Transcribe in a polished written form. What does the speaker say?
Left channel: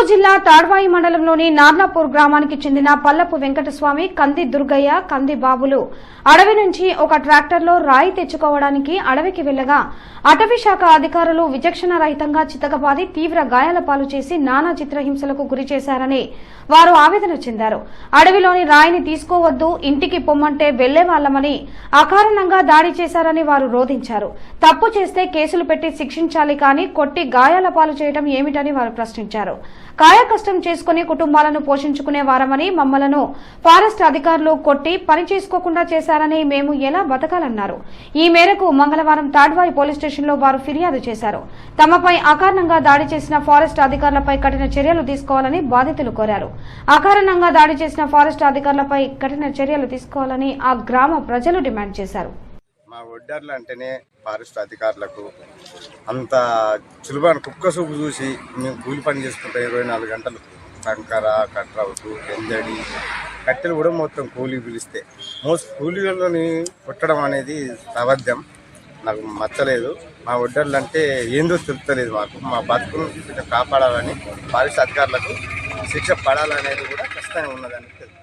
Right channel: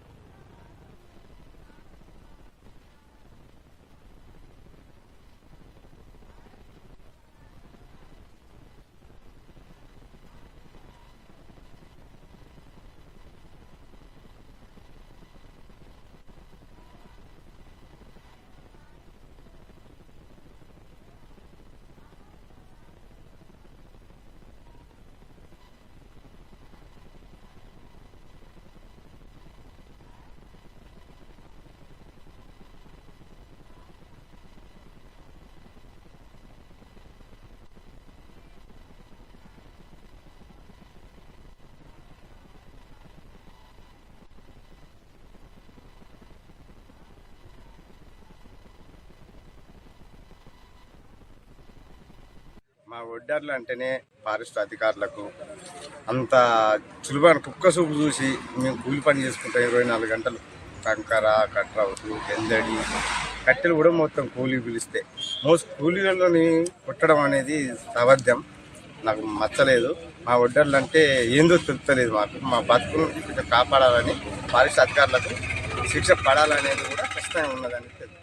ములుగు జిల్లా తాడ్వాయి మండలంలోని నార్లాపూర్ గ్రామానికి చెందిన పల్లపు వెంకటస్వామి, కంది దుర్గయ్య, కంది బాబులు అడవి నుంచి ఒక ట్రాక్టర్లో రాయి తెచ్చుకోవడానికి అడవికి వెళ్లగా అటవీ శాఖ అధికారులు విచక్షణ రహితంగా చితకబాది తీవ్ర గాయాల పాలు చేసి నానా చిత్రహింసలకు గురి చేశారని వారు ఆవేదన చెందారు. అడవిలోని రాయిని తీసుకోవద్దు, ఇంటికి పొమ్మంటే వెళ్లేవాళ్లమని అకారణంగా దాడి చేశారని వారు రోధించారు. తప్పు చేస్తే కేసులు పెట్టి శిక్షించాలి కానీ కొట్టి గాయాల పాలు చేయడం ఏమిటని వారు ప్రశ్నించారు. కాయకష్టం చేసుకుని కుటుంబాలను పోషించుకునే వారమని మమ్మలను ఫారెస్ట్ అధికారులు కొట్టి పని చేసుకోకుండా చేశారని మేము ఎలా బతకాలన్నారు. ఈ మేరకు మంగళవారం తాడ్వాయి పోలీస్ స్టేషన్లో వారు ఫిర్యాదు చేశారు. తమపై అకారణంగా దాడి చేసిన ఫారెస్ట్ అధికారులపై కఠిన చర్యలు తీసుకోవాలని బాధితులు కోరారు. అకారణంగా దాడి చేసిన ఫారెస్ట్ అధికారులపై కఠిన చర్యలు తీసుకోవాలని ఆ గ్రామ ప్రజలు డిమాండ్ చేశారు. మా ఒడ్డర్లు అంటేనే ఫారెస్ట్ అధికారులకు అంత సులభమైన కుక్క సూపు చూసి మేము కూలి పని చేసుకుంటాం. 24 గంటలు కంకర, కట్రౌటు, ఎందడి, కట్టెలు కూడా మొత్తం కూలీ పిలిస్తే కూలీలని కొట్టడం అనేది అబద్ధం. నాకు నచ్చలేదు. మా ఒడ్డర్లు అంటే ఏందో తెలుస్తలేదు. మా బతుకును కొంచెం కాపాడాలని, ఫారెస్ట్ అధికారులకు శిక్ష పడాలనేది కూడా ఖచ్చితంగా ఉన్నదని తెలుసు.